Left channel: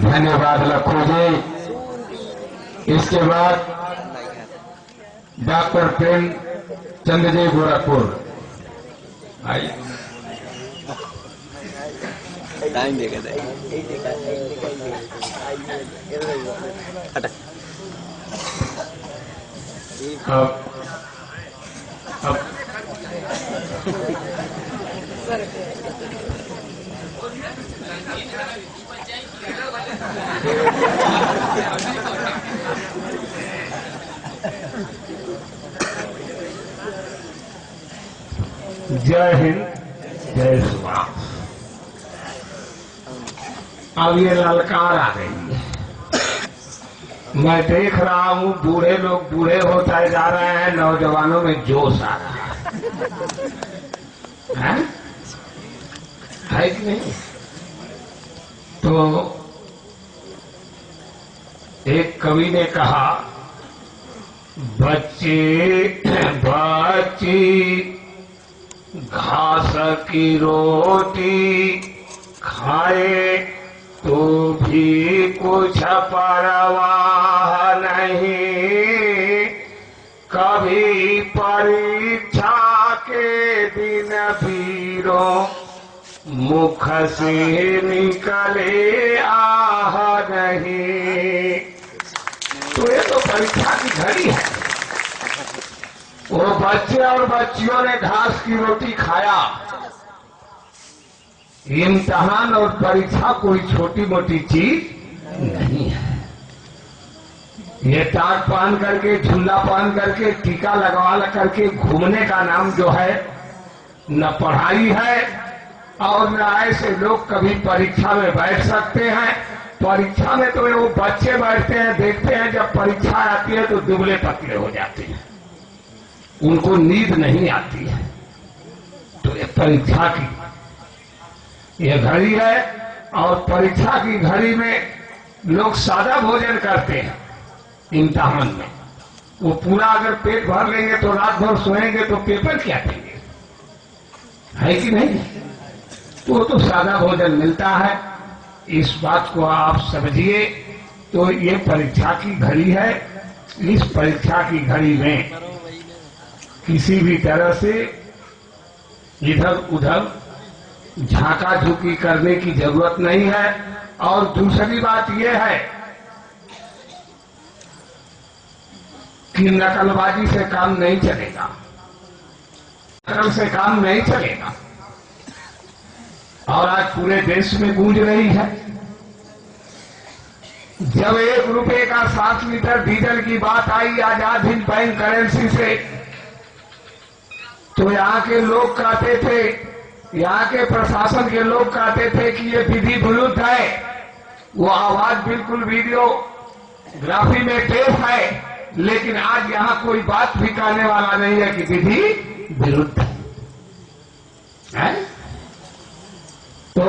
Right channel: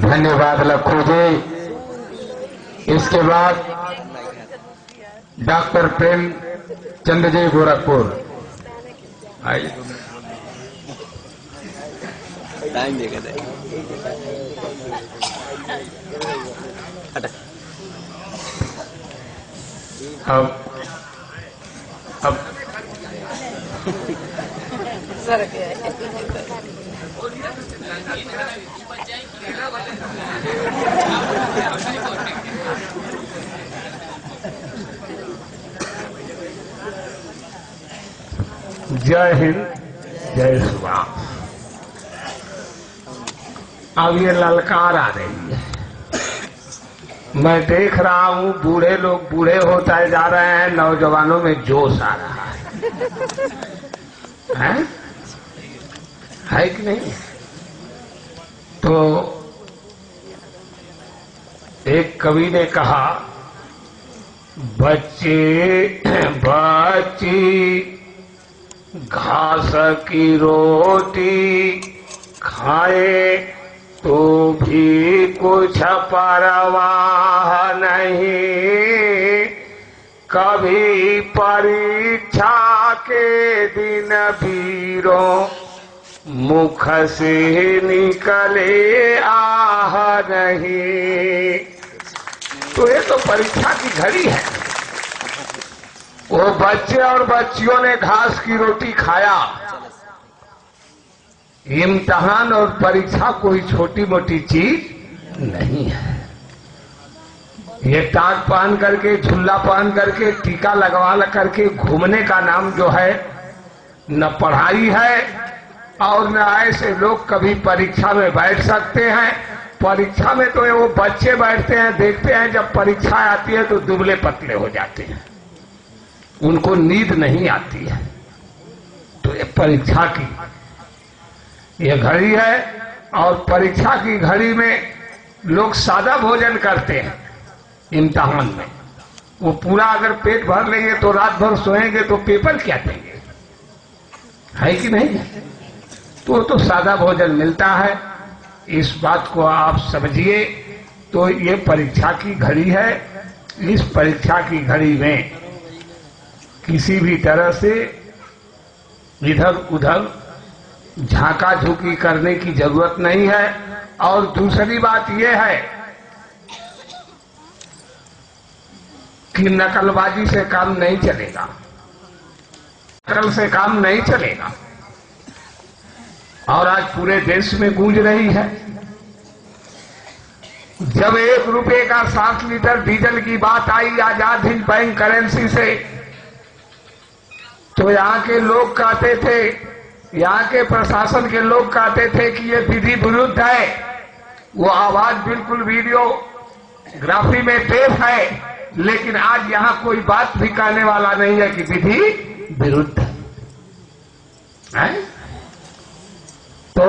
धन्यवाद लखू जी। इसके बाद डॉक्टर प्रेम चंद जी गोरखपुर। टाइम देगा अब जय हिंद, जय श्री राम। अब ये ललकार आ रही है। मैं देख रहा हूं बूढ़े लोग बूढ़े होते जा रहे हैं, नौजवानों में जोश आ रहा है कि नहीं? तो एक कवि ने कहा, बच्चे बच्ची घास की रोटी खाए तो भी कुछ परवाह नहीं, कभी परीक्षा के दिन वीरों मुख से निकले आह नहीं। तो ये तो परीक्षा की घड़ी है। वो बच्चे और बच्चियों ने घास की रोटी खाया। इम्तिहान और परीक्षा कोई छोटी मोटी चीज नहीं है। ये टाट पहन करके, झुल्ला पहन करके, टीका लगवा करके घूमने का नाम जो है न पढ़ाई है और न ऐसे लोग कभी परीक्षा में बैठ सकते हैं। परीक्षा में तो वो बच्चे बैठते हैं, देखते हैं जब परीक्षा आती है तो दुबले पतले हो जाते हैं, उनको नींद नहीं आती है। तो ये परीक्षा की ये घड़ी है और परीक्षा की घड़ी में लोग सादा भोजन करते हैं। इम्तिहान में वो पूरा अगर पेट भर लेंगे तो रात भर सोएंगे तो पेपर क्या देंगे, है कि नहीं? तो वो तो सादा भोजन मिलता है। इस बात को आप समझिए। तो ये परीक्षा की घड़ी है। इस परीक्षा की घड़ी में किसी भी तरह से इधर उधर झांका झुकी करने की जरूरत नहीं है। और दूसरी बात यह है कि नकलबाजी से काम नहीं चलेगा, नकल से काम नहीं चलेगा। और आज पूरे देश में गूंज रही है। जब 1 रुपए का 7 लीटर डीजल की बात आई आजाद हिंद बैंक करेंसी से, तो यहाँ के लोग कहते थे, यहाँ के प्रशासन के लोग कहते थे कि ये विधि विरुद्ध है। वो आवाज बिल्कुल वीडियोग्राफी में पेश है, लेकिन आज यहाँ कोई बात भी कहने वाला नहीं है कि विधि विरुद्ध है। तो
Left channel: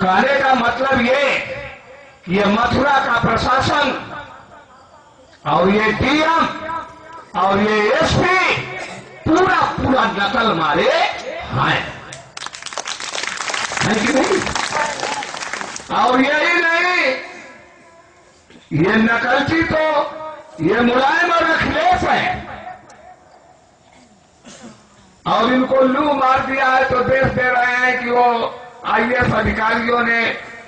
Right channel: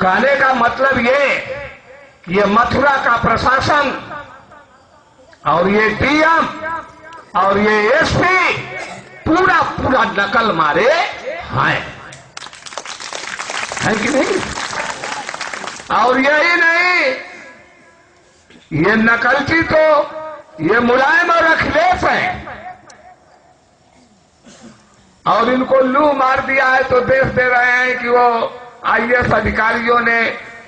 कहने का मतलब ये कि ये मथुरा का प्रशासन और ये डीएम और ये एसपी पूरा पूरा नकल मारे हैं, है कि नहीं? और यही नहीं, ये नकलची तो ये मुलायम और अखिलेश है। और इनको लू मार दिया है तो देश दे रहे हैं कि वो आईएएस अधिकारियों ने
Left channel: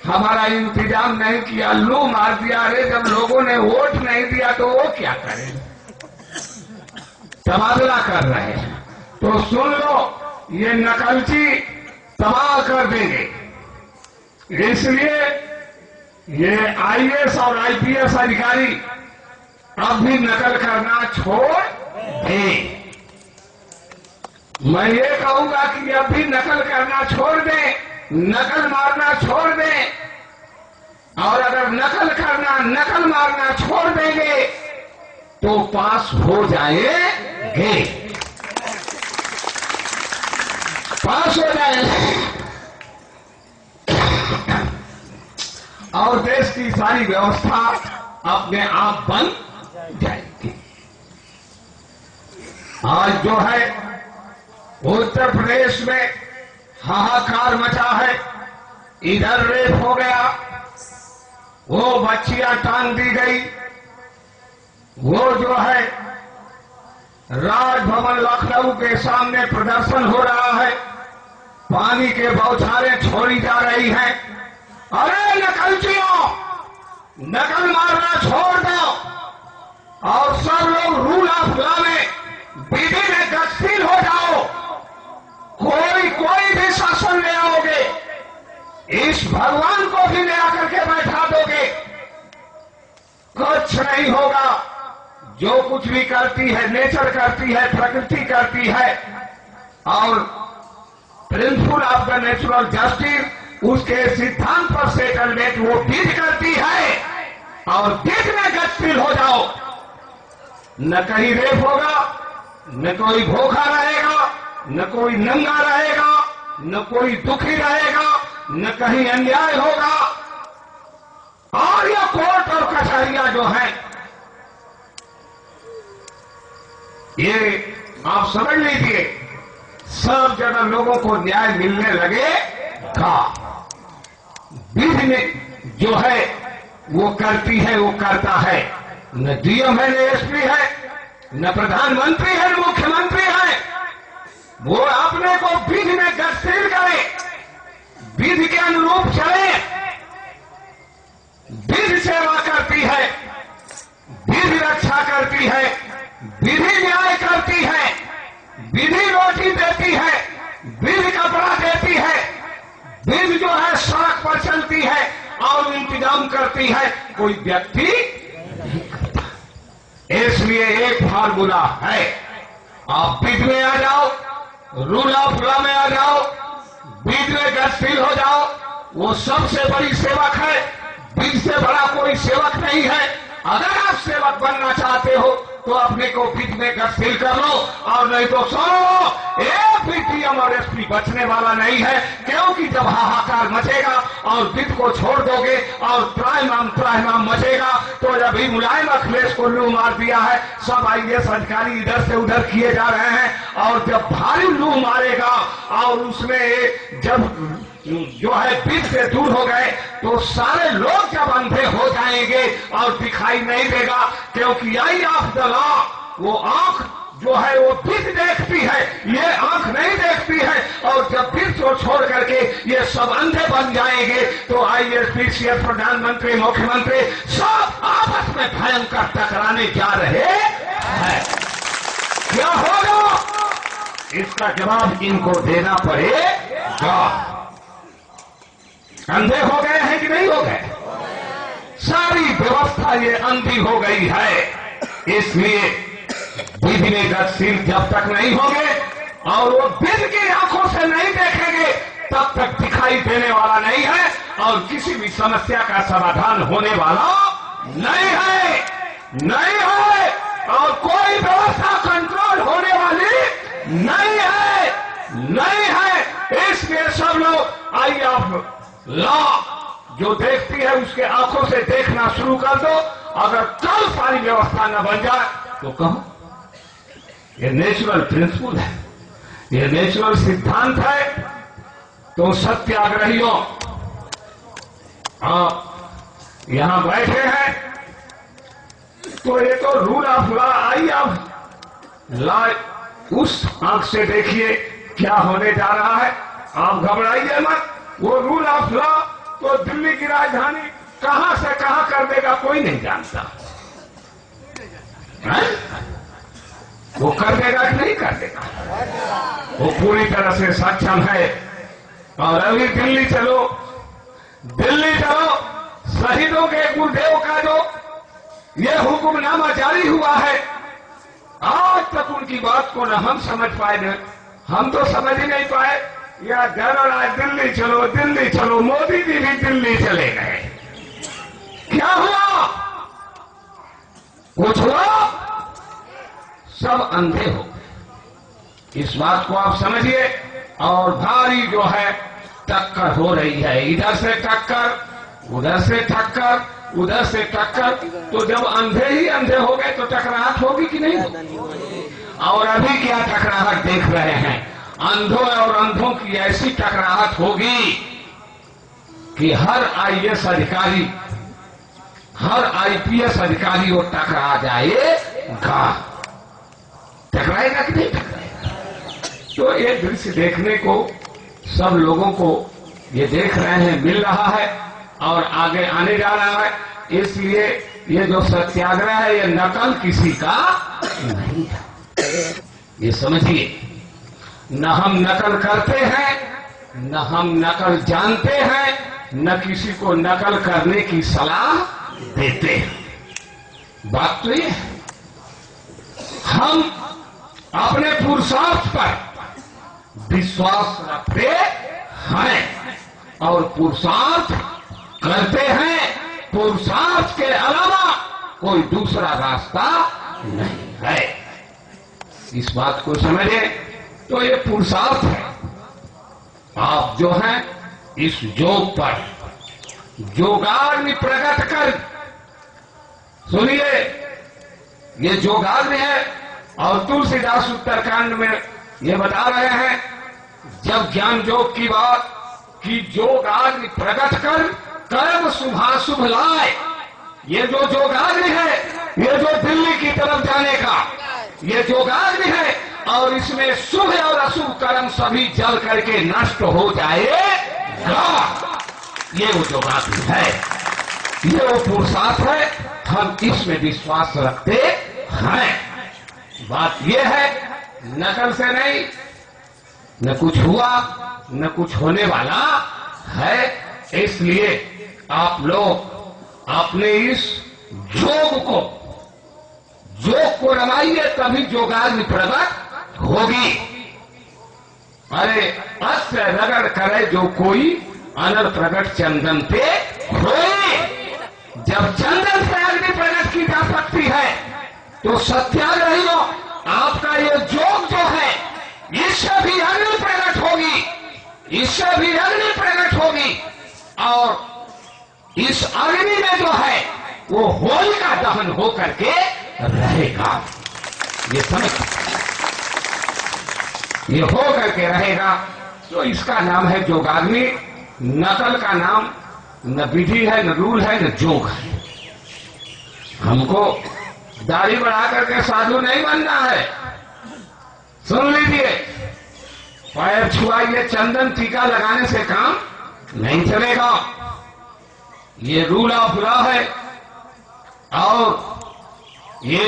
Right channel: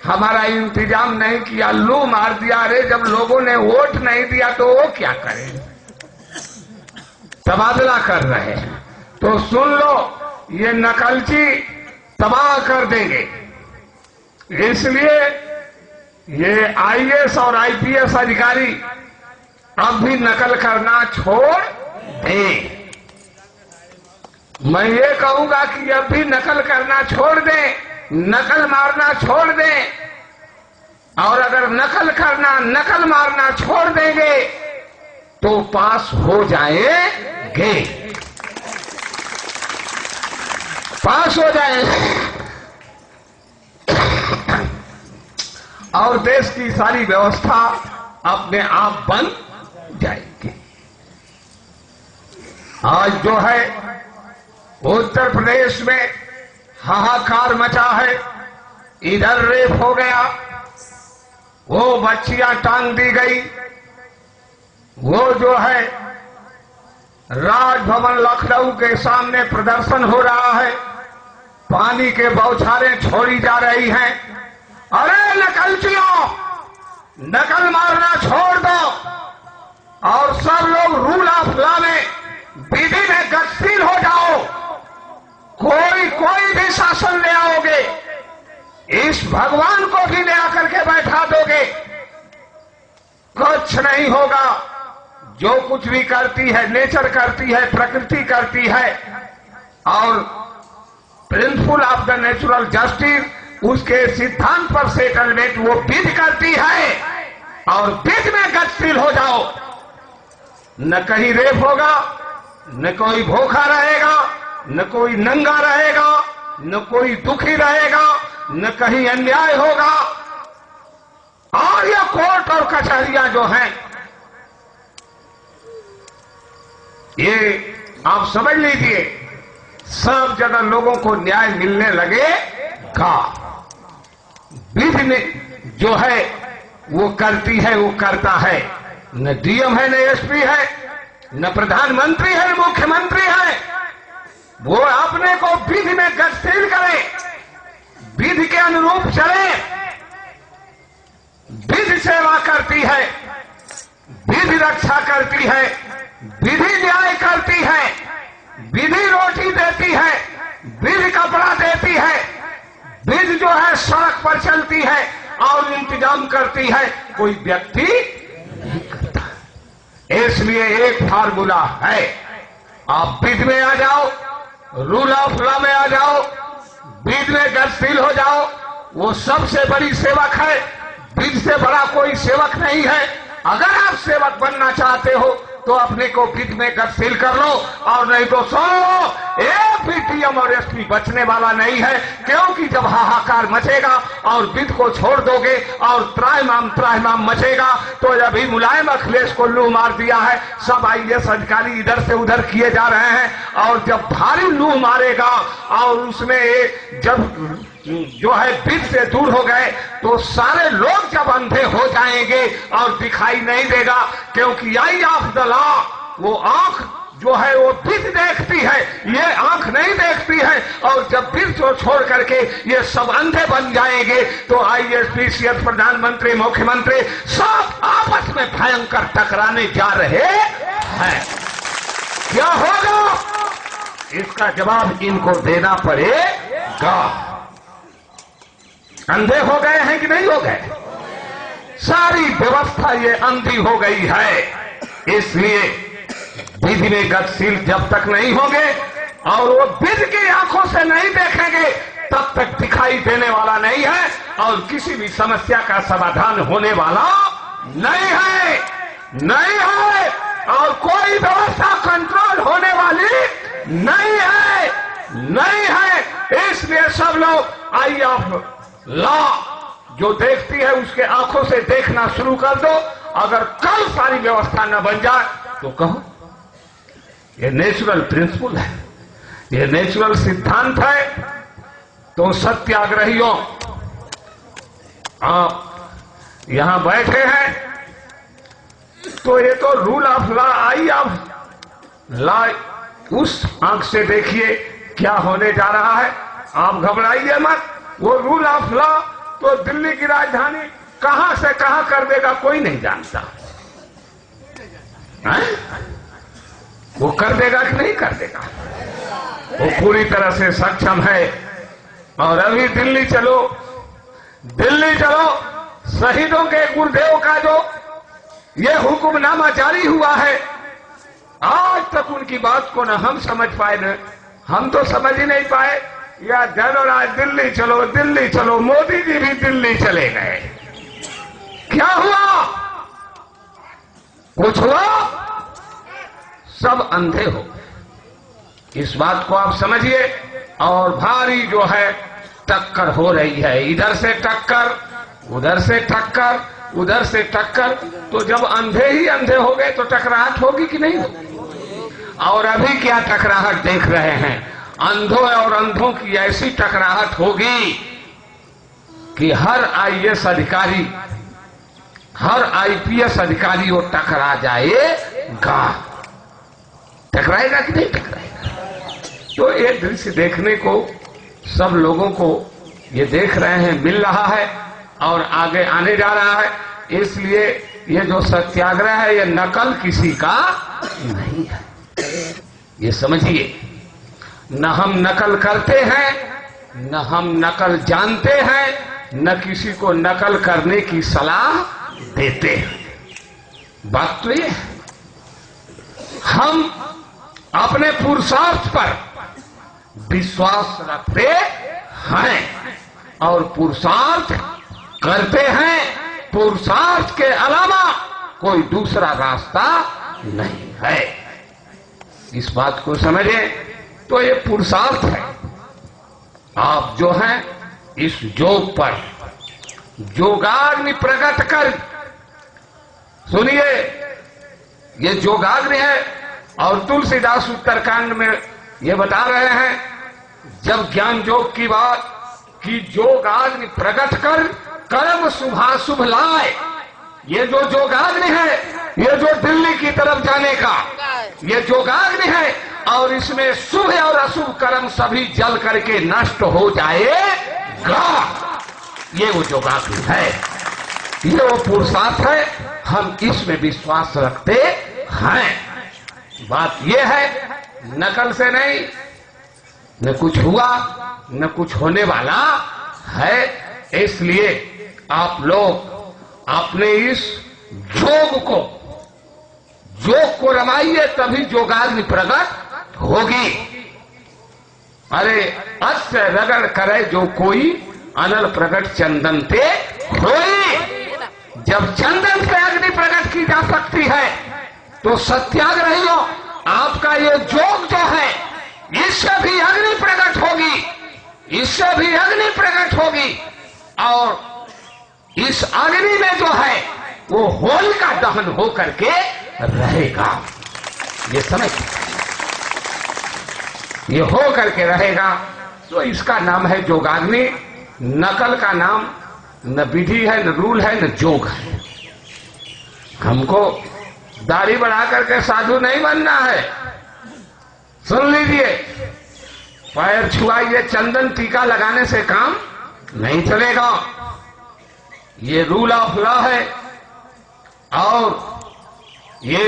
हमारा इंतजाम नहीं किया, लू मार दिया। अरे जब लोगों ने वोट नहीं दिया तो वो क्या करें? तबादला कर रहे हैं। तो सुन लो, ये नकलची तबाह कर देंगे। इसलिए ये आईएएस और आईपीएस अधिकारी अब भी नकल करना छोड़ दें। मैं ये कहूंगा कि अब भी नकल करना छोड़ दें, नकल मारना छोड़ दें। और अगर नकल करना, नकल मारना छोड़ देंगे तो पास हो जाएंगे, पास हो जाएंगे और देश की सारी व्यवस्था अपने आप बन जाएगी। आज जो है उत्तर प्रदेश में हाहाकार मचा है। इधर रेप हो गया, वो बच्चियां टांग दी गई। वो जो है राजभवन लखनऊ के सामने प्रदर्शन हो रहा है, पानी के बौछारें छोड़ी जा रही हैं। अरे नकलचियों, नकल मारना छोड़ दो और सब लोग रूल ऑफ लॉ में, विधि में गतिशील हो जाओ। कोई भी शासन ले आओगे, इस भगवान को भी ले आकर के बैठा दोगे, कुछ नहीं होगा। जो कुछ भी करती है नेचर करती है, प्रकृति करती है, और principle of the natural justice उसके सिद्धांत पर सेटलमेंट वो विधि करती है। और विधि में गतिशील हो जाओ, न कहीं रेप होगा, न कोई भूखा रहेगा, न कोई नंगा रहेगा, न कोई दुखी रहेगा, न कहीं अन्याय होगा। और यह कोर्ट और कचहरियां जो हैं, ये आप समझ लीजिए, सब जगह लोगों को न्याय मिलने लगेगा। विधि में जो है वो करती है, वो करता है। न डीएम है, न एसपी है, न प्रधानमंत्री है, मुख्यमंत्री है। वो अपने को विधि में गतिशील करे, विधि के अनुरूप चले। विधि सेवा करती है, विधि रक्षा करती है, विधि न्याय करती है, विधि रोटी देती है, विधि कपड़ा देती है, विधि जो है सड़क पर चलती है और इंतजाम करती है, कोई व्यक्ति नहीं करता। इसलिए एक फार्मूला है, आप विधि में आ जाओ, रूल ऑफ लॉ में आ जाओ, विधि में गतिशील हो जाओ। वो सबसे बड़ी सेवक है, विधि से बड़ा कोई सेवक नहीं है। अगर आप सेवक बनना चाहते हो तो अपने को विधि में गतिशील कर लो, और नहीं तो सुनो, एक भी डीएम और एसपी बचने वाला नहीं है। क्योंकि जब हाहाकार मचेगा और विधि को छोड़ दोगे और त्राहिमाम मचेगा, तो अभी मुलायम अखिलेश को लू मार दिया है, सब आईएएस अधिकारी इधर से उधर किए जा रहे हैं। और जब भारी लू मारेगा और उसमें जब जो है विधि से दूर हो गए, तो सारे लोग जब अंधे हो जाएंगे और दिखाई नहीं देगा। क्योंकि आई ऑफ द लॉ, वो आंख जो है वो विधि देखती है, ये आंख नहीं देखती है। और जब विधि को छोड़ करके ये सब अंधे बन जाएंगे, तो आईएएस, पीसीएस, प्रधानमंत्री, मुख्यमंत्री सब आपस में भयंकर टकराने जा रहे हैं। क्या होगा, इसका जवाब इनको देना पड़ेगा। अंधे हो गए हैं कि नहीं हो गए? सारी व्यवस्था ये अंधी हो गई है। इसलिए विधि में गतिशील जब तक नहीं होंगे और वो विधि की आंखों से नहीं देखेंगे, तब तक दिखाई देने वाला नहीं है और किसी भी समस्या का समाधान होने वाला नहीं है, नहीं है। और कोई व्यवस्था कंट्रोल होने वाली नहीं है, नहीं है। इसलिए सब लोग आई ऑफ लॉ जो देखती है उसके आंखों से देखना शुरू कर दो। अगर कल सारी व्यवस्था न बन जाए तो कहो ये नेचुरल प्रिंसिपल है, ये नेचुरल सिद्धांत है। तो सत्याग्रहियों, आप यहां बैठे हैं तो ये तो rule of law, I of law, उस आंख से देखिए क्या होने जा रहा है। आप घबराइए मत। वो रूल ऑफ लॉ तो दिल्ली की राजधानी कहां से कहां कर देगा कोई नहीं जानता है? वो कर देगा कि नहीं कर देगा, वो पूरी तरह से सक्षम है। और अभी दिल्ली चलो, दिल्ली चलो, शहीदों के गुरुदेव का जो ये हुक्मनामा जारी हुआ है, आज तक उनकी बात को न हम समझ पाए, न हम तो समझ ही नहीं पाए। या जनराज दिल्ली चलो, दिल्ली चलो, मोदी जी भी दिल्ली चले गए। क्या हुआ? कुछ हुआ? सब अंधे हो। इस बात को आप समझिए। और भारी जो है टक्कर हो रही है, इधर से टक्कर, उधर से टक्कर, उधर से टक्कर। तो जब अंधे ही अंधे हो गए तो टकराहट होगी कि नहीं होगी? और अभी क्या टकराहट देख रहे हैं? अंधों और अंधों की ऐसी टकराहट होगी कि हर आईएएस अधिकारी हर आईपीएस अधिकारी वो टकरा जाएगा। टकराएगा कि नहीं टकराएगा? तो एक दृश्य देखने को सब लोगों को ये देख रहे हैं, मिल रहा है और आगे आने जा रहा है। इसलिए ये जो सत्याग्रह है ये नकल किसी का नहीं है, ये समझिए। न हम नकल करते हैं, न हम नकल जानते हैं, न किसी को नकल करने की सलाह देते हैं। बात तो ये है, हम अपने पुरुषार्थ पर विश्वास रखते हैं और पुरुषार्थ करते हैं। पुरुषार्थ के अलावा कोई दूसरा रास्ता नहीं है। इस बात को समझे तो ये पुरुषार्थ है। आप जो हैं इस योग पर योगाग्नि प्रकट कर, सुनिए, ये योगाग्नि है। और तुलसीदास उत्तरकांड में ये बता रहे हैं, जब ज्ञान योग की बात कि योगाग्नि प्रकट कर कर्म शुभाशुभ लाए। ये जो योगाग्नि है, ये जो दिल्ली की तरफ जाने का ये योगाग्नि है, और इसमें शुभ और अशुभ कर्म सभी जल करके नष्ट हो जाएगा। ये वो योगाग्नि है, ये वो पुरुषार्थ है। हम इसमें विश्वास रखते हैं। बात ये है, नकल से नहीं, न कुछ हुआ न कुछ होने वाला है। इसलिए आप लोग अपने इस योग को रमाइए, तभी योगाग्नि प्रकट होगी। अरे अस्य रगड़ करे जो कोई अनल प्रकट चंदन पे होई। जब चंदन से अग्नि प्रकट की जा सकती है तो सत्याग्रहियों आपका ये योग जो है इससे भी अग्नि प्रकट होगी, इससे भी अग्नि प्रकट होगी। और इस अग्नि में जो है वो होलिका दहन होकर के रहेगा। ये समझ, ये हो करके रहेगा। तो इसका नाम है योगाग्नि। नकल का नाम न विधि है, न रूल है, न योग है। हमको दाढ़ी बढ़ा करके साधु नहीं बनना है। सुन लीजिए, पैर छुआइए, चंदन टीका लगाने से काम नहीं चलेगा। ये रूल ऑफ लॉ है। और ये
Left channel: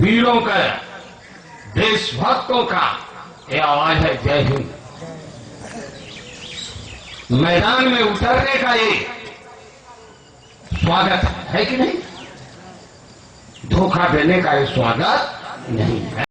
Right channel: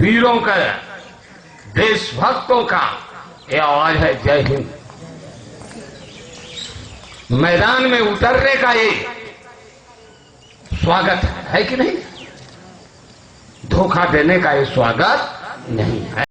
वीरों का, देशभक्तों का ये आवाज है, जय हिंद। मैदान में उतरने का ये स्वागत है कि नहीं? धोखा देने का ये स्वागत नहीं है।